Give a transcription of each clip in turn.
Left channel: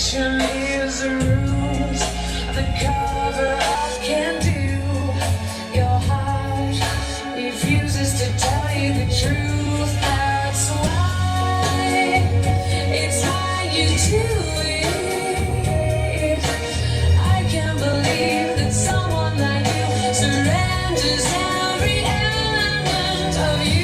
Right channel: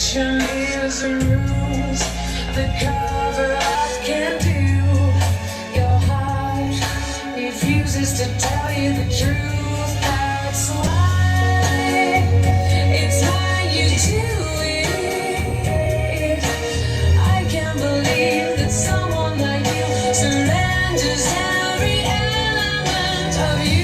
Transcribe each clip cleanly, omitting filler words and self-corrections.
Perfection is a ruse. The cover up can do. Your heart refuses to tell you the truth. That's why it's how you do it. I can't believe that someone like you surrenders every element of you.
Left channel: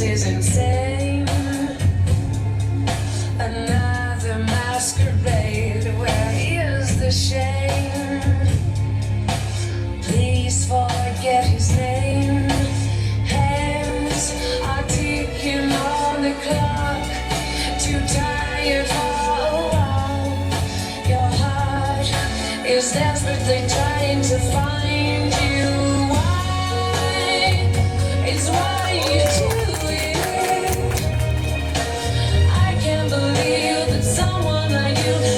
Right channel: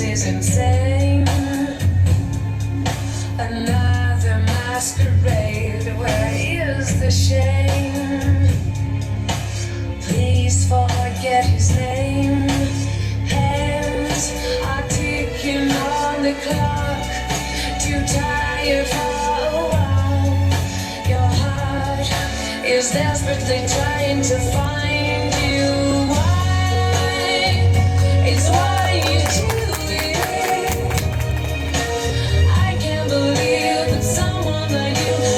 Is insane. Another masquerade. Where is the shame? Please forget his name. Hands are ticking on the clock. Too tired for a while. Your heart is desperately trying to find you. Why? It's why you do.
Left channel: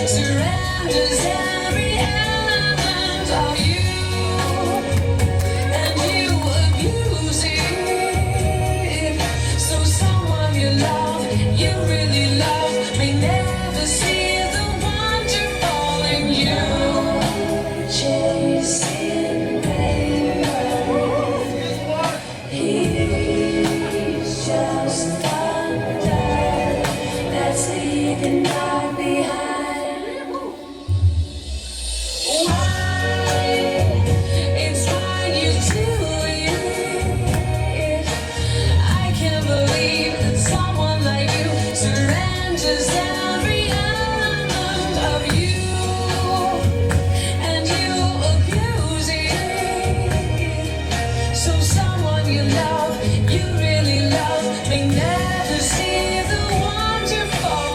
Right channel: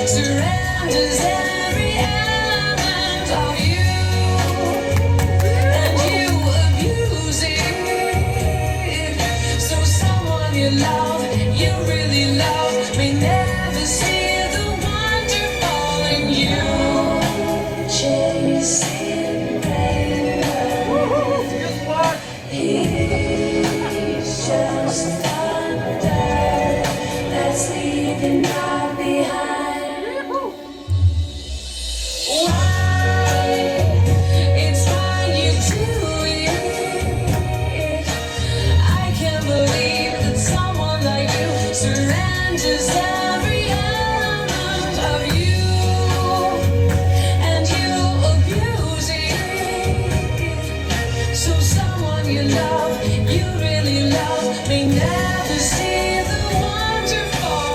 Surrounds every element of you, and you abuse it. So someone you love, you really love, may never see the wonderful in you. Chasing rainbow, he's just thunder that's leaving not behind. You really love me, never see the wonderful